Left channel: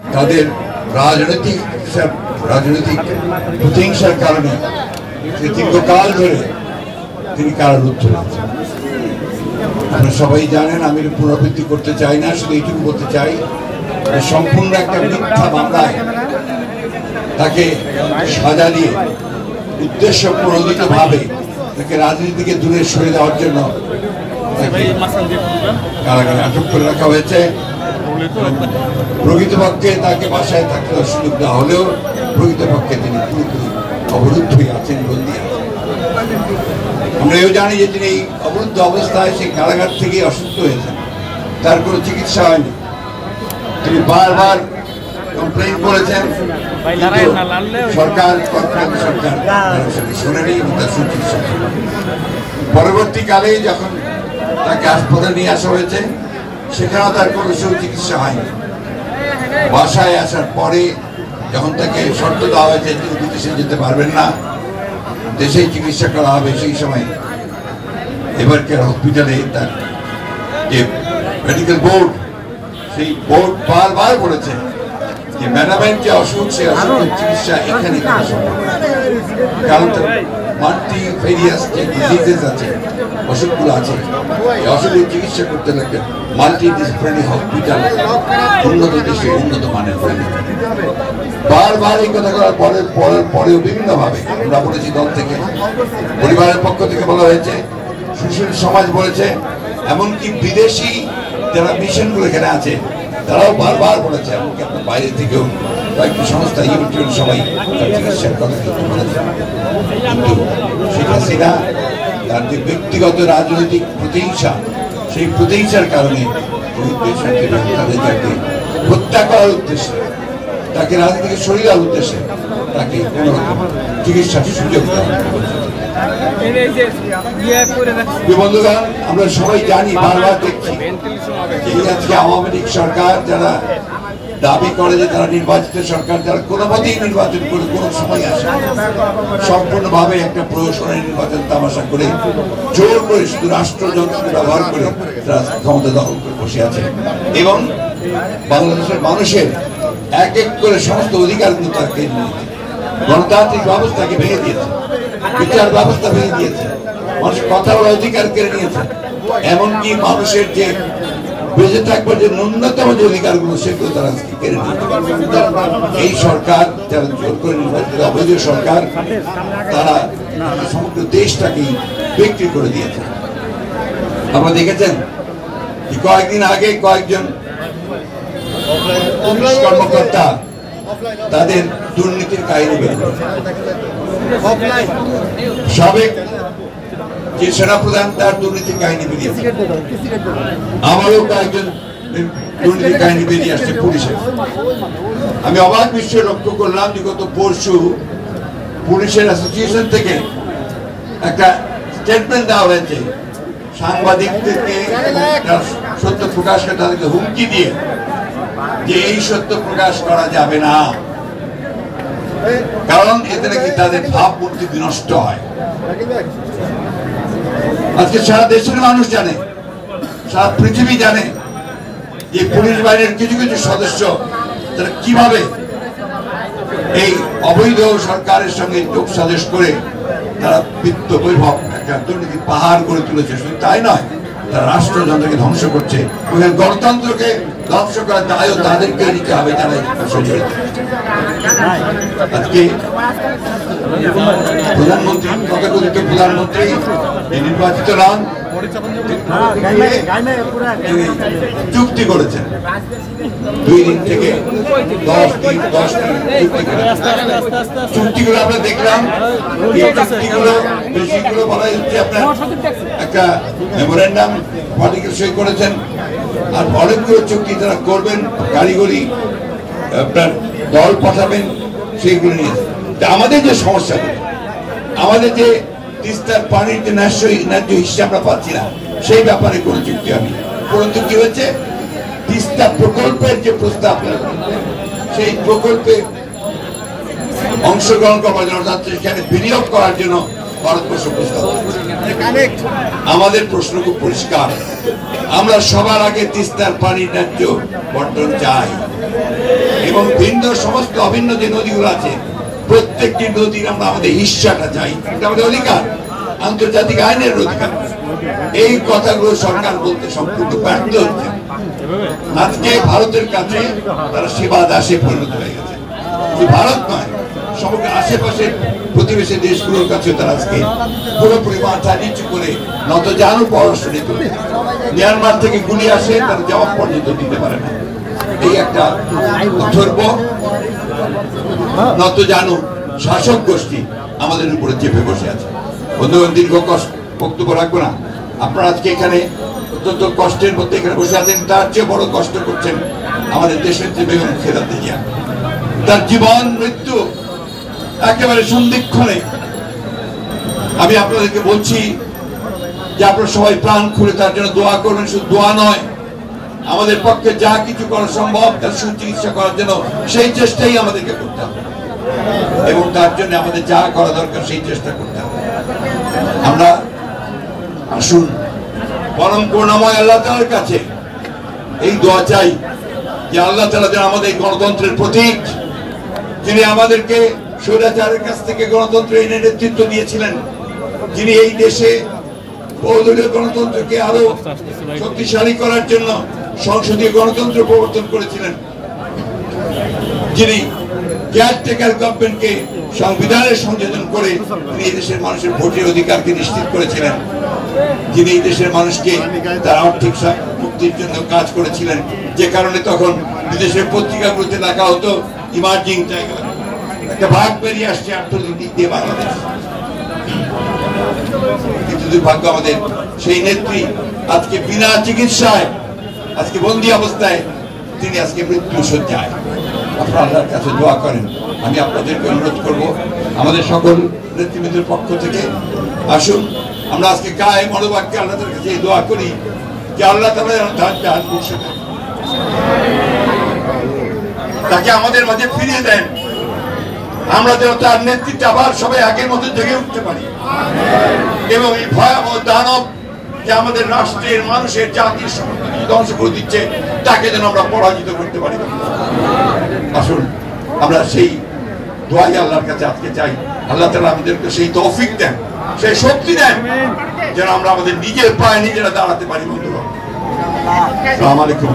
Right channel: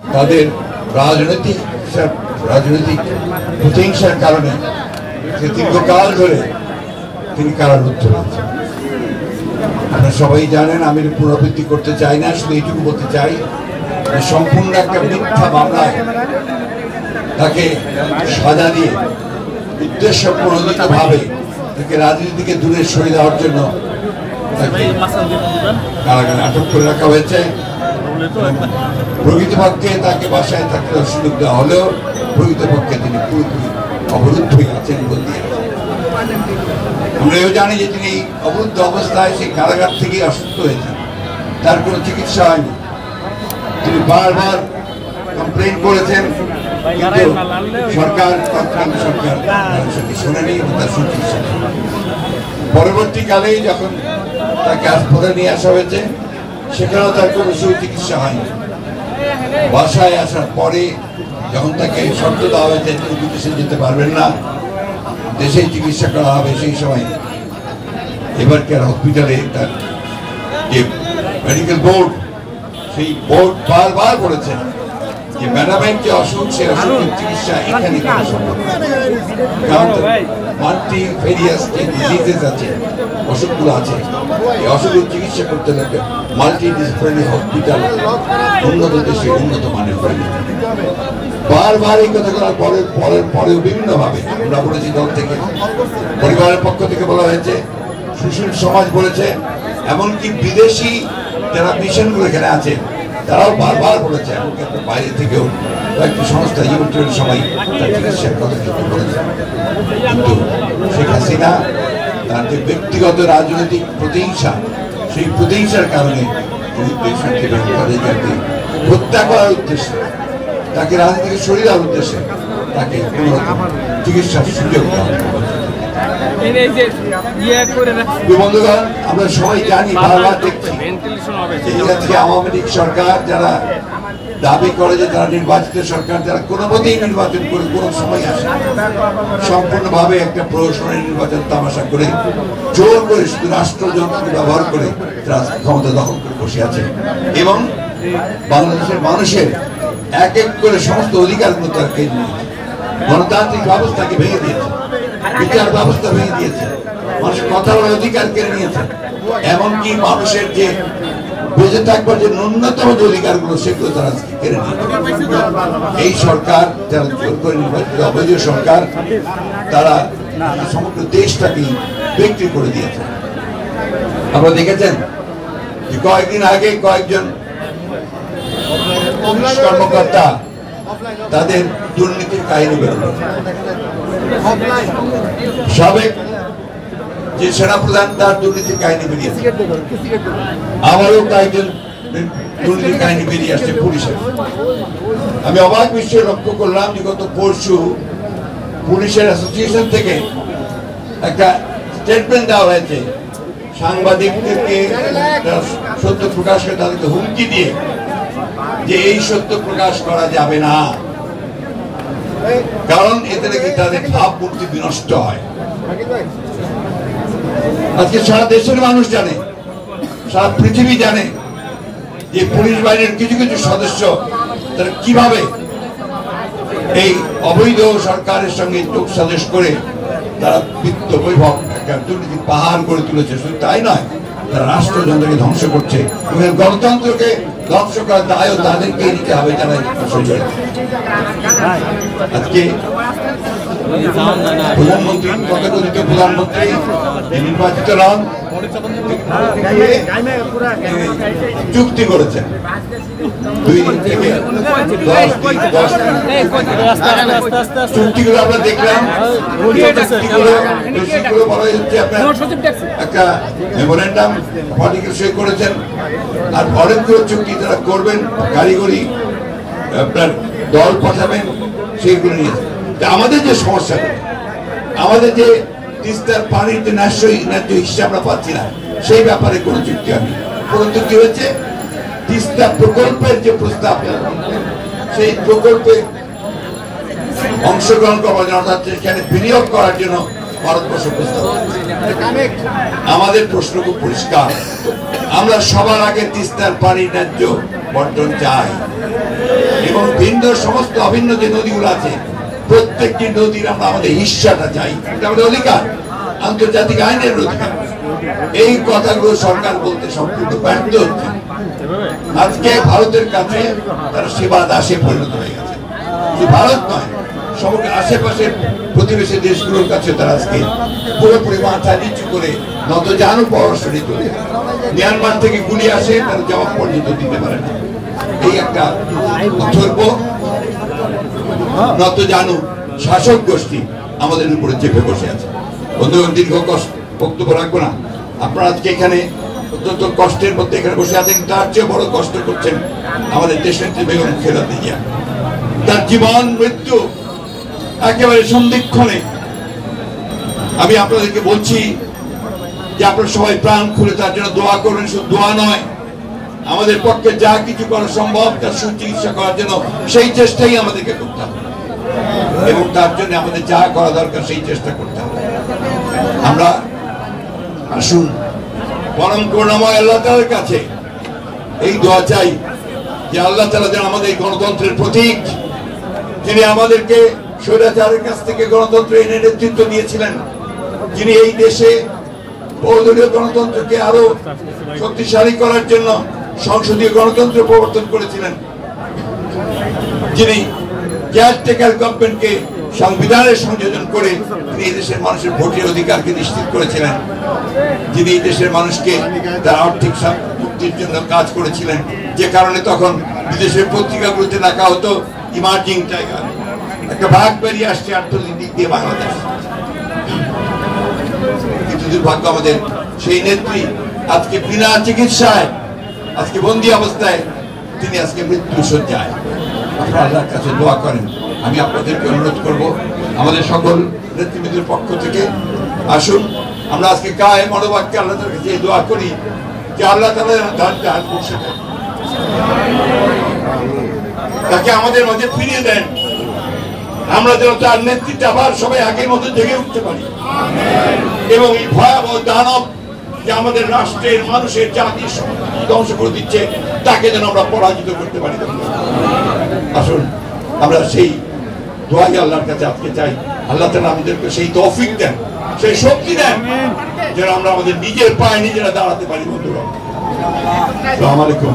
তাদের রাজনৈতিক প্রতিহিংসার কারণে দীর্ঘকাল ধরে তিনি কারারুদ্ধ হয়েছেন। আপনারা সবাই জানেন, আমি পুনরাবৃত্তি করতে চাই না, শুধু এইটুকু বলতে চাই সম্পূর্ণ একটা মিথ্যা মামলায় তাকে সাজা দিয়ে উদ্দেশ্য প্রণোদিতভাবে তাকে রাজনীতি থেকে দূরে সরে দেওয়ার জন্য তাকে কারাগারে আটক করে রাখা হয়েছে। প্রকৃতপক্ষে তাকে বাসায় থাকতে সুযোগ দেওয়া হলেও প্রকৃতপক্ষে তিনি পুরোপুরি অবরুদ্ধ হয়ে আছেন, বন্দী আছেন। আমরা এও জানি যে তিনি এই অবরুদ্ধ অবস্থায় সেই কারাগার থেকেই অসুস্থ হয়েছেন, তার কোনো চিকিৎসা হয়নি। তিনি বারবার কমপ্লেন করেছেন, কিন্তু সরকার শুনেনি, তার সুচিকিৎসা। পরবর্তীকালে যখন তাকে হাসপাতালে নিয়ে আসা হয়েছে, সেখানেও তার কোনো সুচিকিৎসা হয়নি। বাসায় আসার পরে যখন তাকে শর্ত দেওয়া হয়েছে তিনি বিদেশে যেতে পারবেন না, দেশেই চিকিৎসা করা হবে, সেই সময় এবারকার হসপিটালে তার যে মেডিকেল বোর্ড, সেই বোর্ড বারবার বলেছে যে ম্যাডামের যে অসুখ, সেই অসুখের চিকিৎসা এখানে করা সম্ভব, কারণ মাল্টিফেরিয়াস যে ডিজিজেস আছে, অসুখগুলো আছে, এই অসুখের চিকিৎসা করতে লাগে মাল্টিডিসিপ্লিনারি হসপিটাল উন্নত দেশে উন্নত মানের হয়নি। বারবার এই কথা করার পরেও বিভিন্নভাবে আমরা বলেছি, দল থেকে, পরিবারের পক্ষ থেকে বলা হয়েছে, সুশীল সমাজ বলেছে, এমনকি বিদেশি যারা মিশনগুলো এখানে আছে তারাও বারবার বলেছে, এমনকি বাইরে থেকেও কয়েকটি সংস্থা ইউরোপিয়ান সবাই তার চিকিৎসার কথা কিন্তু বলেছে। কিন্তু শেখ হাসিনা তার যে ব্যক্তিগত রাজনৈতিক প্রতিহিংসা, সেই প্রতিহিংসার কারণে তাকে হত্যা করার উদ্দেশ্যে, তাকে রাজনীতি থেকে সরিয়ে দেওয়ার উদ্দেশ্যে তাকে কোন চিকিৎসার সুযোগ দেওয়া। বন্ধুগণ, আমরা সবাই জানি, বারবার দেখছি যে আওয়ামী লীগ সরকার যারা দাবি করে যে তারা নির্বাচিত সরকার, যারা কোনো মতেই নির্বাচন করে কোনো সময় আসে, সম্পূর্ণভাবে একটা প্রহসনের নির্বাচন তামাশা করে জোর করে শুধু রাষ্ট্রযন্ত্রকে ব্যবহার করে তারা ক্ষমতা দখল করে বসে আছে এবং বাংলাদেশের মানুষের এক এক করে সমস্ত অধিকারগুলো তারা কেড়ে নিয়েছে। গণতান্ত্রিক ব্যবস্থাকে ভেঙে দিয়েছে, বিচার ব্যবস্থা ভেঙে দিয়েছে, মানুষের কথা বলার অধিকার কেড়ে নিয়েছে, এমনকি মানুষের যে বেঁচে থাকবার যে ন্যূনতম যে অধিকারগুলো, সেগুলো তারা কেড়ে নিয়েছে। এই সরকার যারা জোর করে নির্বাচিত অবৈধ সরকার, তারা সমগ্র দেশটাকেই বিক্রি করে দিয়েছে। আপনারা দেখেছেন যে কয়েকদিন আগে কয়েকজন পুলিশ কর্মকর্তা তাদের দুর্নীতির কাহিনী বেরোল। সাবেক যে সেনাপ্রধান, তার দুর্নীতির কাহিনী বেরিয়েছে, আমারও কয়েকজন দুর্নীতির কাহিনী বেরিয়ে আসছে পুলিশের। আমি অবাক বিস্ময়ে লক্ষ্য করলাম যে গত পরশু পুলিশের অ্যাসোসিয়েশন থেকে একটা স্টেটমেন্ট দেওয়া হয়েছে, সাংবাদিকদেরকে সত্য প্রকাশ করে তাদেরকে হুমকি দিয়ে যে এই সত্য প্রকাশ করা যাবে না, কারণ এতে নাকি তাদের ভাবমূর্তি বিনষ্ট হয়। আজকে সারা দেশের মানুষ জানে, সারা পৃথিবী জানে যে পুলিশ বাহিনীর কিছু কিছু সদস্য তারা কিভাবে এই অবৈধ সরকারের সঙ্গে যোগ সাজস করে তারা বিত্ত বৈভব একটা দুর্নীতি পাহাড় গড়ে তুলেছে। শুধু তাই নয়, তারা রাষ্ট্রযন্ত্রকে ধ্বংস করছে, গণতন্ত্রকে ধ্বংস করার দায়ও তাদেরকে নিতে হবে, যারা আজকে প্রধানমন্ত্রী, তথাকথিত প্রধানমন্ত্রী নির্বাচিত নন, চুক্তি করেছেন 2 দিন থেকে 10 দিন চুক্তিগুলো আমরা দেখলাম। বেশিগুলো বলা হচ্ছে আপনার একটা মেমোরেন্ডাম পলিটিক্যাল সই করেছেন, আর অনেকগুলো চুক্তি তারা করবেন, কারিগরি আপনার দল পাঠাবেন, সেইগুলো নিয়ে। আমাদের যে সমস্যা, আমাদের যে তিস্তার পানির যে ন্যায্য হিসাব আমরা পাচ্ছি না, সেই ব্যাপারে কোন চুক্তি হয়নি। পরন্তু কি হয়েছে, তিস্তা প্রকল্পের যে প্রস্তাব, সেই প্রকল্পে অংশগ্রহণ করার জন্য, অর্থাৎ সেখানে বিনিয়োগ করার জন্য ভারতবর্ষ প্রস্তাব। আমাদের প্রশ্ন খুব পরিষ্কার, আমরা সবার আগে তিস্তার পানির ন্যায্য বন্টন চাই। সুন্দর সমস্ত অভিন্ন যে নদীগুলো আছে প্রত্যেকটি নদীর আমরা আমাদের হিস্সাটা চাই, এটা আমাদের অধিকার, আন্তর্জাতিক আইনের অধিকার। এই কথাগুলো সরকার বলতে সম্পূর্ণ ব্যর্থ হচ্ছে। আজকে ভারতের কাছে তারা সেবা দাসে পরিণত হয়ে গেছে। শুধু ভারত নয়, সমগ্র আশেপাশের প্রতিবেশী দেশগুলোর কাছে তারা আজকে পুরোপুরি মাথা নিচু করে নত জানু পড়াশোনা করে মিয়ানমার থেকে গুলি আসে, তারা জবাব পর্যন্ত দিতে পারে না। এই একটা অথর্ব নত জানু শাসক গোষ্ঠী আমাদের উপরে চেপে বসে আছে। বন্ধুগণ, দীর্ঘ বক্তব্য রাখবো না। আপনারা আজকে এখানে অত্যন্ত কষ্টের মধ্যে এখানে বসে আছেন, তার চেয়ে বড় কষ্ট করছেন আমাদের দেশনেত্রী বেগম খালেদা জিয়া। তার জীবন মৃত্যু একেবারে সন্ধিক্ষণে। আমি আপনাদেরকে বলছি যে আপনারা সবাই প্রাণ খুলে তার জন্য দোয়া করবেন। শুধু দোয়া নয়, আমাদের পক্ষে যা কিছু করা সম্ভব তার সুচিকিৎসা করার জন্য সেই চেষ্টাই আমাদেরকে করতে হবে, এবং তার জন্য আমাদের যা করা দরকার সেই চেষ্টা করতে হবে। আমরা আসুন পরম করুণাময় আল্লাহ তাআলার কাছে এই দোয়া চাই যে আল্লাহ তাআলা যেন আমাদের গণতন্ত্রের প্রতীক, যিনি আমাদেরকে স্বৈরাচারের কাছ থেকে গণতন্ত্র এনে নেতৃত্ব দিয়েছিলেন, যিনি এই দেশে বহুদলীয় গণতন্ত্রকে আরো শক্তিশালী করার জন্য সংসদীয় গণতন্ত্র প্রবর্তন করেছিলেন, যিনি কেয়ারটেকার গভর্নমেন্টকে সংবিধানের সংযোজন করে তিনি এই দেশের মানুষের ভোটের অধিকারকে নিশ্চিত করেছিলেন, যিনি এই দেশের মানুষকে তার আর্থিক মুক্তির জন্য কাজ করেছিলেন, যে কারণে তখন বিদেশের পত্রিকাগুলোতে লেখা হতো ইমার্জিং টাইগার, একটা ভাগ বেরিয়ে আসছে অর্থনৈতিক দিক দিয়ে বাংলাদেশ। কিন্তু দুর্ভাগ্য আমাদের সেই নেত্রী আজকে বিনা চিকিৎসায়, আজকে বন্দী অবস্থায় তিনি আজকে মৃত্যু শয্যায়। আপনারা আল্লাহর কাছে দোয়া করেন। আমি আপনাদেরকে অনুরোধ করব, আমাদের সকল নেতৃবৃন্দের পক্ষ থেকে আসুন আমরা আজকে কায়ে মনোবাক্যে আল্লাহ তাআলার কাছে দোয়া করি যে আল্লাহ তাআলা তার বসে দেন, তাকে আমাদের মাঝে ফিরিয়ে দেন, আমরা যেন তার নেতৃত্বে আবার সবাই আগের মতো জেগে উঠতে পারি, এবং এই ভয়াবহ দানব যে আমাদের রাষ্ট্রের মানুষের জাতির সম্পত্তি ধ্বংস করে দিচ্ছে তাকে যেন আমরা পরাজিত করতে পারি। আসুন আমরা সেই দোয়াই আল্লাহর কাছে আজকে চাই, আল্লাহ তাআলা আমাদেরকে সেই তৌফিক দেন, সেই শক্তি দেন যেন আমরা আমাদের নিজের পায়ে নিজেরা দাঁড়াতে পারি। বন্ধুরা, আসসালামু আলাইকুম।